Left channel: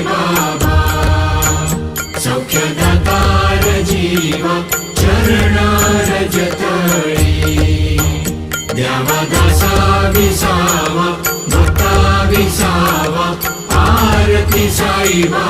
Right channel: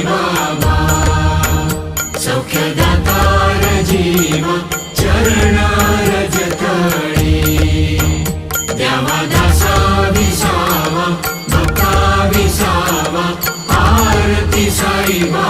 ठेवावा सौख्यदातार जीवा चरणारज तळी द्यावा दासा विसावा भक्ता विसावा आरती साईबा